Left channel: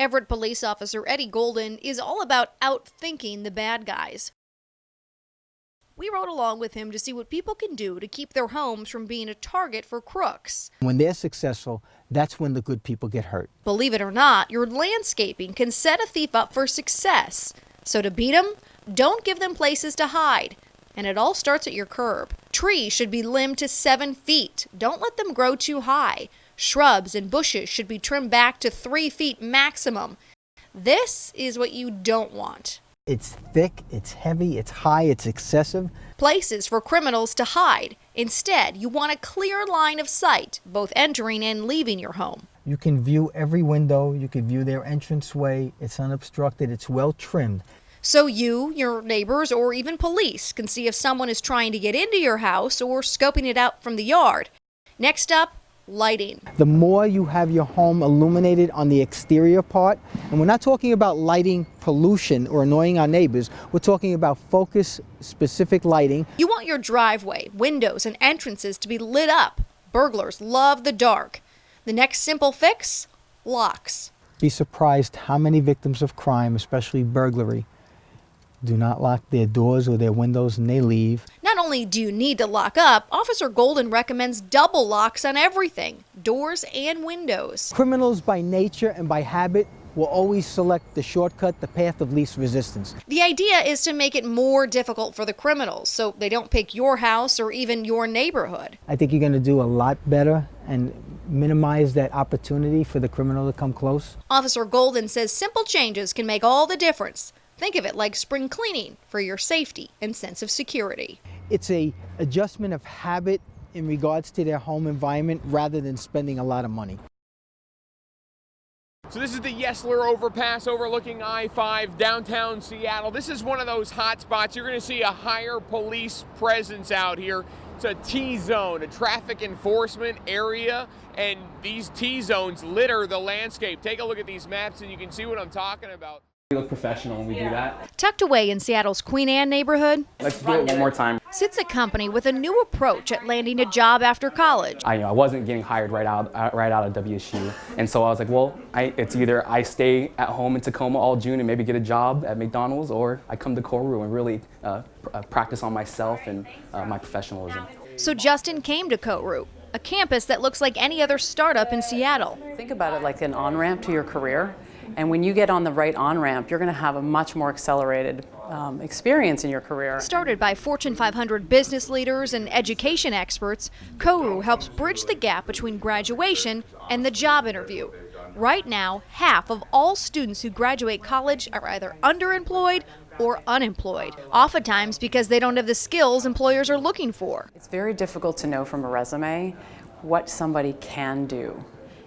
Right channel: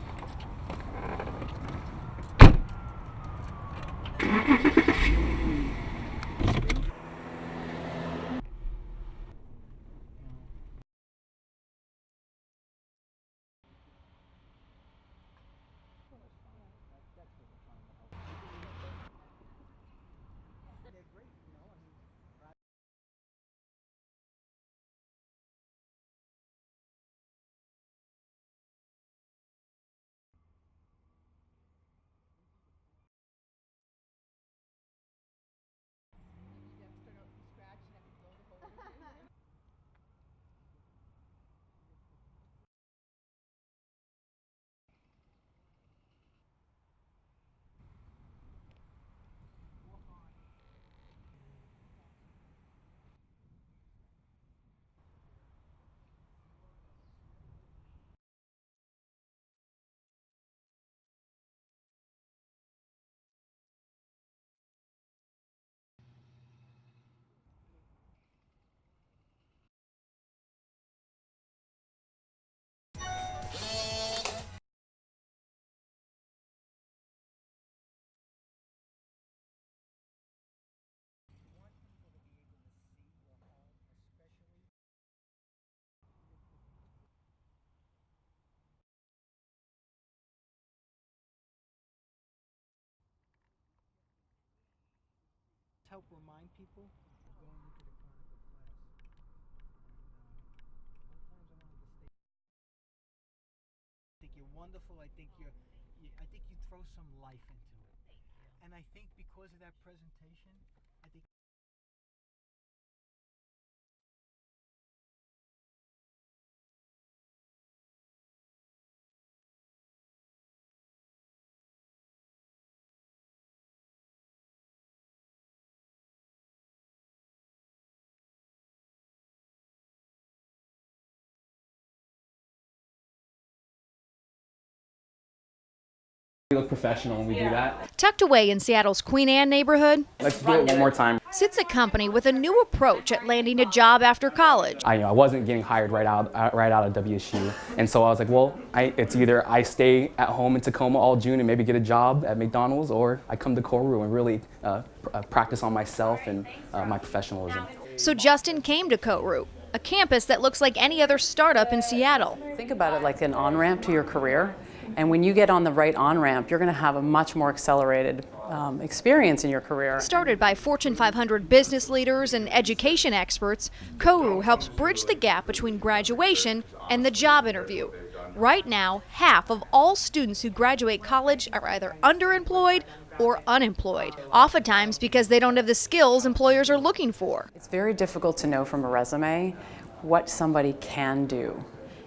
Everett police officer Eddie Golden is all about outthinking the bad guys. We rode along with him to see what people can do to keep their homes from being a target for crooks. When they're successful, that's when the good people get hurt. Believe it or not, your landscaping can set a thief up for success. So to beat them, don't give them places to hide. And it all starts at your curb. Trees should be limbed to 7 feet. Don't let them grow too high. Shrubs and bushes should be trimmed back to 3 feet maximum. This is what you don't want. It's thick, it's heavy, it's high, it's excessive. Places for criminals to hide. Instead, you want a clear line of sight, both entering and leaving your home. You can view every window, you can view their entranceway, it's unobstructed, it's well trimmed. So you, your neighbors, or even police can see if someone is trying to get into your house or scoping it out from the yard. Next up, lighting. The more you have your home illuminated on the exterior part, and we're not talking about lighting pollution or annoying our neighbors, we're talking about focus-specific lighting. You want your driveway, windows, and entrances to be lit up. Burglars love the dark. The next simple fix? Locks. Be surprised how many victims of crime, especially burglary, do not lock their doors or their windows and they leave. Not only do you need to lock up, Officer Golden recommends double locks on everything, doors and windows. Criminals by nature and by habit will always select the shortcut, the path of least resistance. The idea is to make it more difficult for the criminals so they don't pick your house or even your neighborhood. I think you're going to do a lot better and minimize that opportunity for the criminal to come close. Officer Golden says simple changes can make all the difference. Think of it like spring cleaning for your safety and sense of security. It's an adjustment of habit in regards to their home environment rather than spending a lot of money. So this is the Yesler overpass overlooking I-5 downtown Seattle. This is one of those hot spots. You're going to see a higher police presence out here. It's a T-zone, a traffic enforcement area, and these T-zones litter the landscape. Take a look at these maps and you can see what I'm talking about. We look professional when we do that. Tucked away in Seattle's Queen Anne neighborhood, Let's do it one more time. sits a company with a new approach at landing a job after college. I wasn't getting hired right out of WSU, and so I was like, well, it's either I stay at home in Tacoma all June and maybe get a job at McDonald's, or I come to Koru and really practice on myself and my professionalism. So Justin came to Koru, a campus that looks like any other startup in Seattle. Think about it like an on-ramp to your career. And when you get on the right on-ramp, you're going to have a much more accelerated experience in your career. Started by Fortune 500 business leaders and education experts, Koru helps bridge the gap between graduation and the job interview. Right now, half of all students who graduate college are either underemployed or unemployed, oftentimes because they don't have the skills employers are looking for. It's very difficult to know from a resume what somebody can do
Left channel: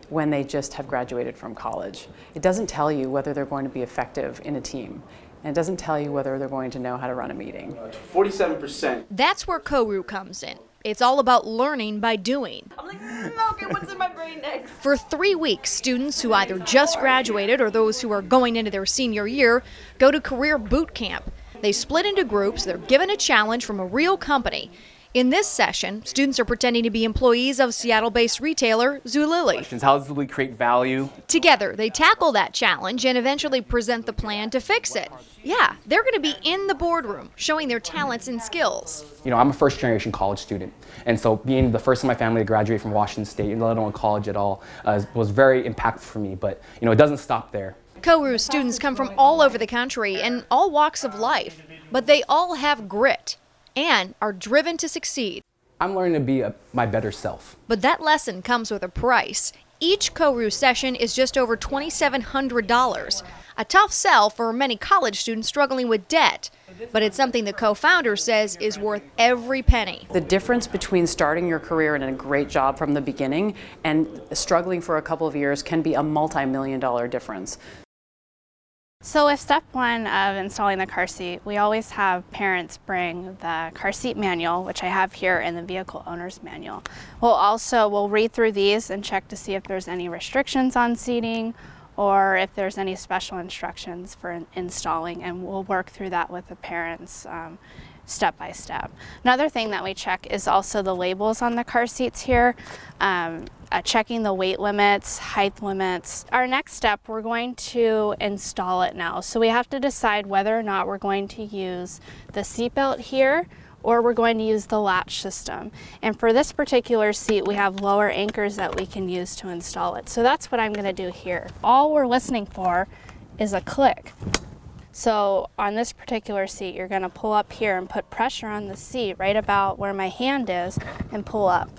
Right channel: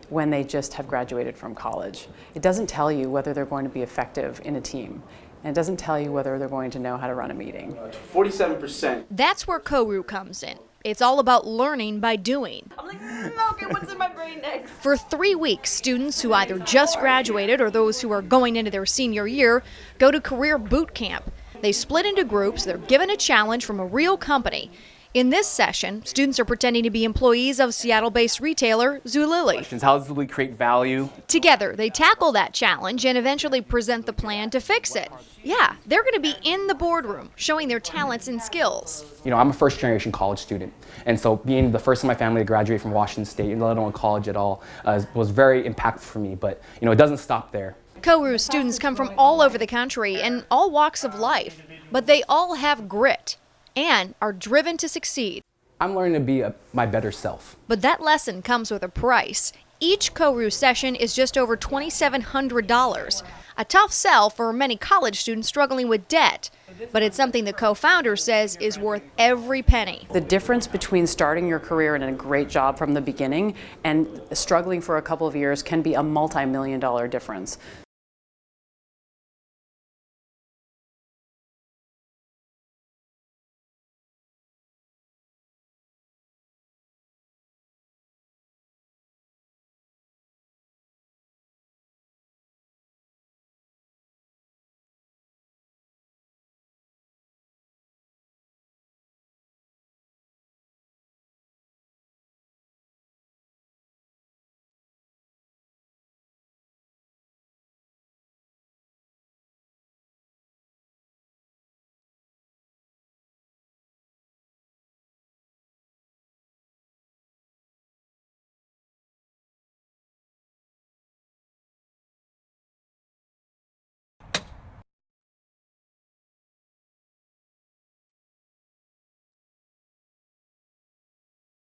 when they just have graduated from college. It doesn't tell you whether they're going to be effective in a team. And it doesn't tell you whether they're going to know how to run a meeting. 47%. That's where Koru comes in. It's all about learning by doing. I'm like, okay, what's in my brain next? For 3 weeks, students who either just graduated or those who are going into their senior year go to career boot camp. They split into groups, they're given a challenge from a real company. In this session, students are pretending to be employees of Seattle-based retailer Zulily. How does we create value? Together, they tackle that challenge and eventually present the plan to fix it. Yeah, they're going to be in the boardroom, showing their talents and skills. You know, I'm a first-generation college student, and so being the first in my family to graduate from Washington State, let alone college at all, was very impactful for me. But you know, it doesn't stop there. Koru students come from all over the country and all walks of life, but they all have grit and are driven to succeed. I'm learning to be my better self. But that lesson comes with a price. Each Koru session is just over $2,700. A tough sell for many college students struggling with debt. But it's something the co-founder says is worth every penny. The difference between starting your career in a great job from the beginning and struggling for a couple of years can be a multi-million-dollar difference. So with step one of installing the car seat, we always have parents bring the car seat manual, which I have here, in the vehicle owner's manual. We'll read through these and check to see if there's any restrictions on seating or if there's any special instructions for installing, and we'll work through that with the parents step by step. Another thing that we check is also the labels on the car seats here, checking the weight limits, height limits. Our next step, we're going to install it now. So we have to decide whether or not we're going to use the seatbelt here or we're going to use the latch system. And for this particular seat, we have lower anchors that we can use to install it. So that's what I'm gonna do here. All we're listening for is a click. So on this particular seat, you're gonna pull up here and put pressure on the seat right about where my hand is and pull up.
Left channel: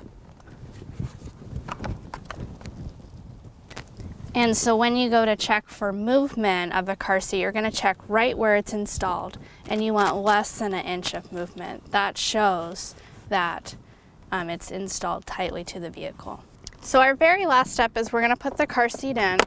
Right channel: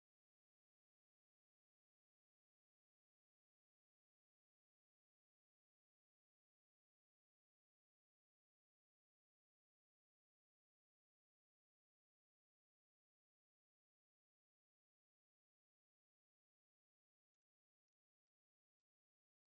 And so when you go to check for movement of the car seat, you're gonna check right where it's installed, and you want less than 1 inch of movement. That shows that it's installed tightly to the vehicle. So our very last step is we're gonna put the car seat in,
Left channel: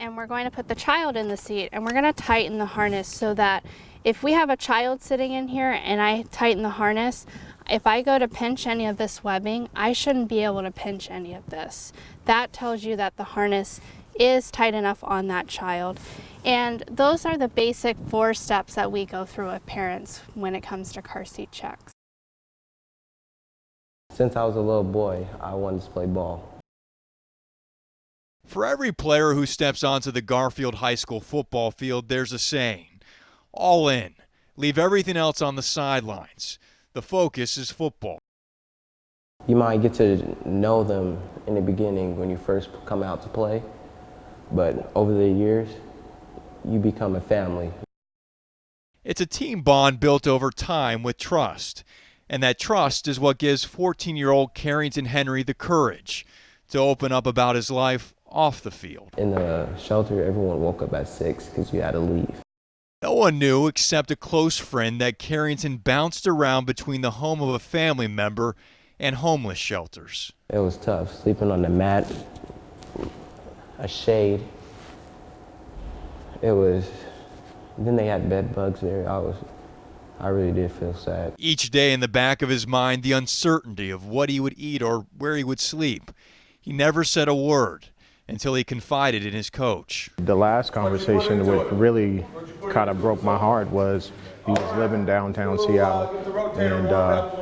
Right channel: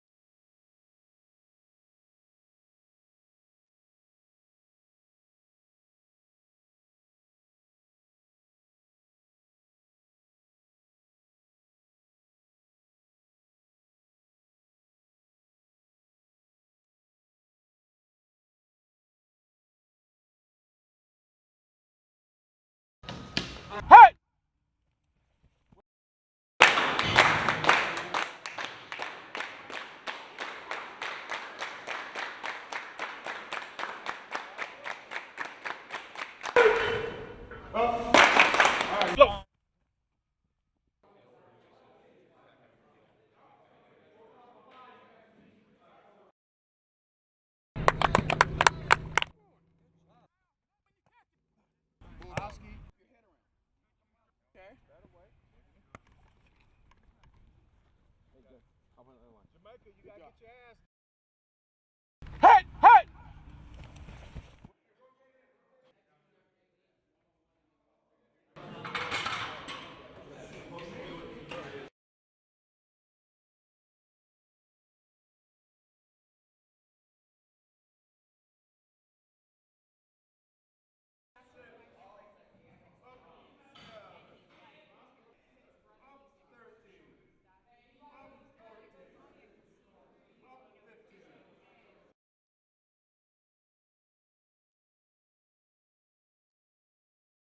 and we're going to put the child in the seat, and we're gonna tighten the harness so that if we have a child sitting in here and I tighten the harness, if I go to pinch any of this webbing, I shouldn't be able to pinch any of this. That tells you that the harness is tight enough on that child. And those are the basic 4 steps that we go through with parents when it comes to car seat checks. Since I was a little boy, I wanted to play ball. For every player who steps onto the Garfield High School football field, there's a saying: all in, leave everything else on the sidelines. The focus is football. You might get to know them in the beginning when you first come out to play, but over the years, you become a family. It's a team bond built over time with trust. And that trust is what gives 14-year-old Carrington Henry the courage to open up about his life off the field. In the shelter, everyone woke up at 6 because you had to leave. No one knew except a close friend that Carrington bounced around between the home of a family member and homeless shelters. It was tough, sleeping on the mat, a shade. It was, then they had bed bugs there. I really did feel sad. Each day in the back of his mind, the uncertainty of what he would eat or where he would sleep. He never said a word until he confided in his coach. The last conversation that really kind of broke my heart was he was living downtown Seattle and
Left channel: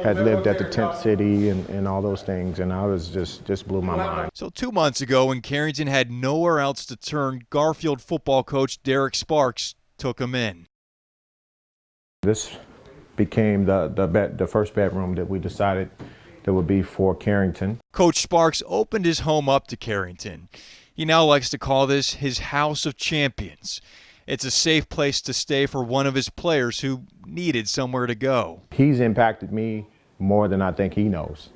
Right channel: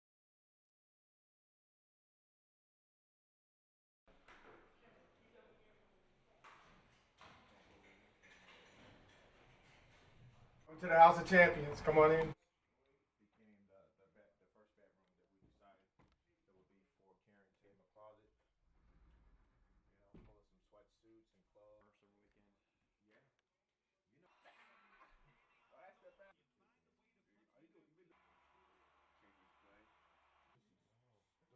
had lived at the tent city and all those things, and I was just blew my mind. So 2 months ago, when Carrington had nowhere else to turn, Garfield football coach Derek Sparks took him in. To the House of Champions, come on in. This became the first bedroom that we decided that would be for Carrington. Coach Sparks opened his home up to Carrington. He now likes to call this his House of Champions. It's a safe place to stay for one of his players who needed somewhere to go. He's impacted me more than I think he knows.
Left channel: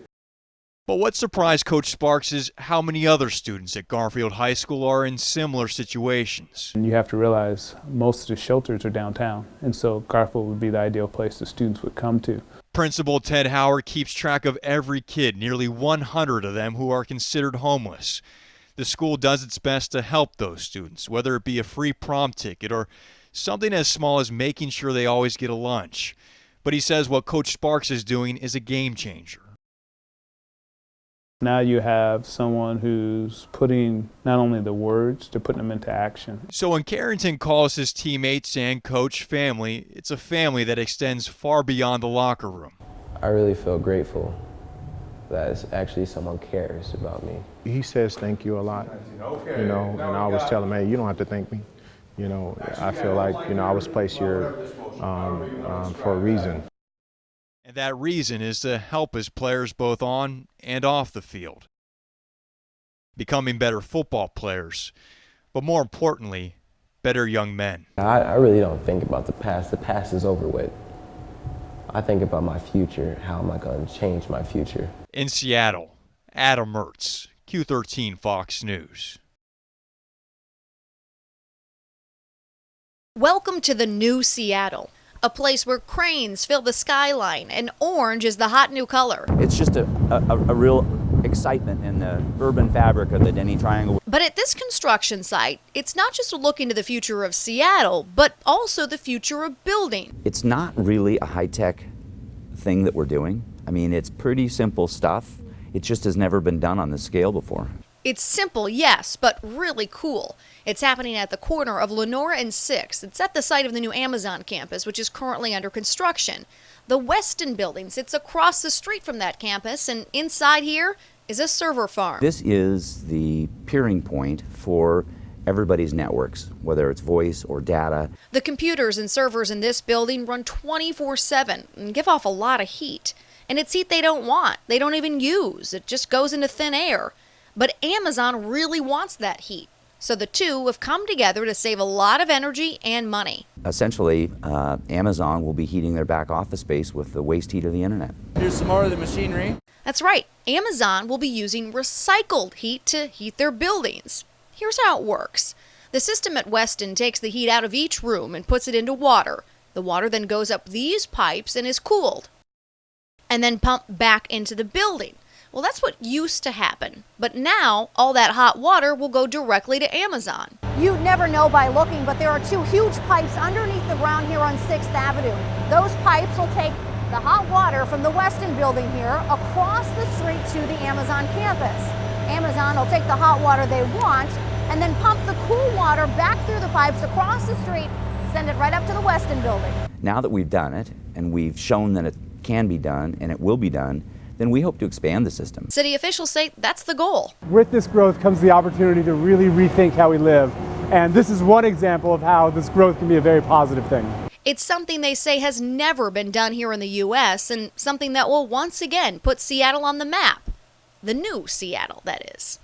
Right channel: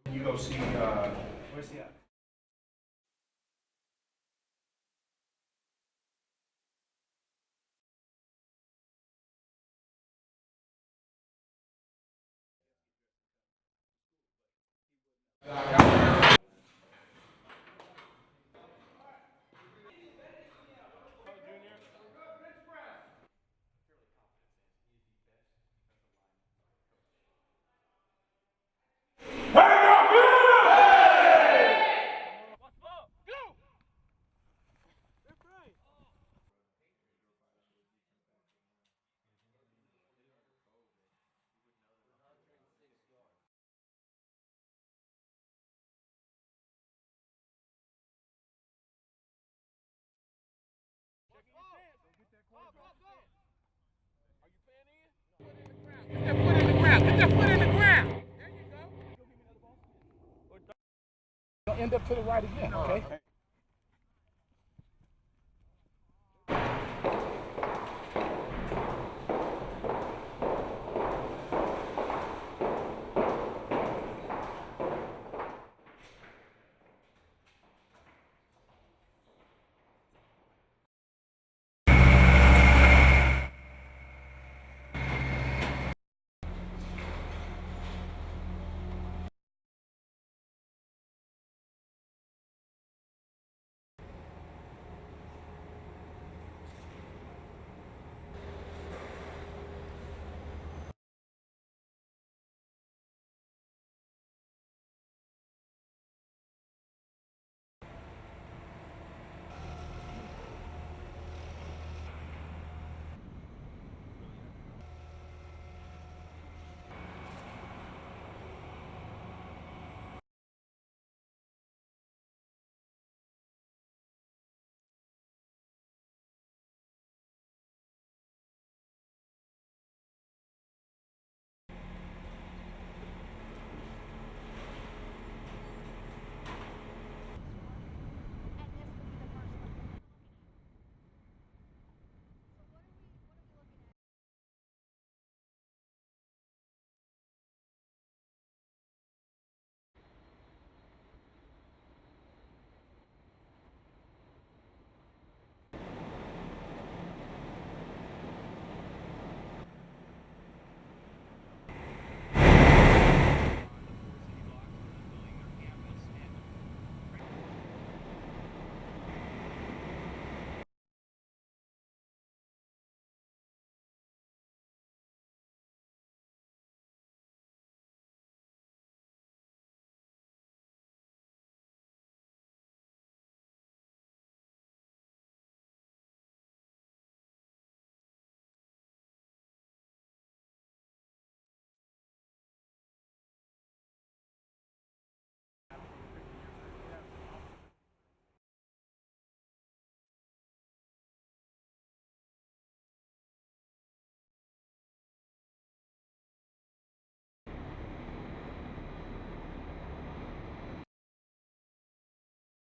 But what surprised Coach Sparks is how many other students at Garfield High School are in similar situations. And you have to realize most of the shelters are downtown, and so Garfield would be the ideal place the students would come to. Principal Ted Howard keeps track of every kid, nearly 100 of them who are considered homeless. The school does its best to help those students, whether it be a free prom ticket or something as small as making sure they always get a lunch. But he says what Coach Sparks is doing is a game changer. Now you have someone who's putting not only the words, they're putting them into action. So when Carrington calls his teammates and coach family, it's a family that extends far beyond the locker room. I really feel grateful that actually someone cares about me. He says thank you a lot, you know, and I always tell him, hey, you don't have to thank me. You know, I feel like, you know, I was placed here for a reason. That reason is to help his players both on and off the field, becoming better football players, but more importantly, better young men. I really don't think about the past. The past is over with. I think about my future. How am I going to change my future? In Seattle, Adam Mertz, Q13 Fox News. Welcome to the new Seattle, a place where cranes fill the skyline and orange is the hot new color. It's just a real excitement in the urban fabric of the Denny Triangle. But at this construction site, it's not just a look into the future of Seattle, but also the future of building. It's not really a high-tech thing that we're doing. I mean, it's pretty simple stuff. It just has never been done on this scale before. It's simple, yes, but really cool. It's happening at the corner of Lenora and 6th. It's at the site of the new Amazon campus, which is currently under construction. The Weston building sits across the street from that campus, and inside here is a server farm. This is the peering point for everybody's networks, whether it's voice or data. The computers and servers in this building run 24/7 and give off a lot of heat. And it's heat they don't want, they don't even use. It just goes into thin air. But Amazon really wants that heat. So the two have come together to save a lot of energy and money. Essentially, Amazon will be heating their back office space with the waste heat of the internet. Here's some more of the machinery. That's right, Amazon will be using recycled heat to heat their buildings. Here's how it works. The system at Weston takes the heat out of each room and puts it into water. The water then goes up these pipes and is cooled, and then pumped back into the building. Well, that's what used to happen. But now, all that hot water will go directly to Amazon. You'd never know by looking, but there are two huge pipes underneath the ground here on 6th Avenue. Those pipes will take the hot water from the Weston building here across the street to the Amazon campus. Amazon will take the hot water they want and then pump the cool water back through the pipes across the street, send it right up to the Weston building. Now that we've done it, and we've shown that it can be done, and it will be done, then we hope to expand the system. City officials say that's the goal. With this growth comes the opportunity to really rethink how we live. And this is one example of how this growth can be a very positive thing. It's something they say has never been done here in the U.S. and something that will once again put Seattle on the map. The new Seattle, that is.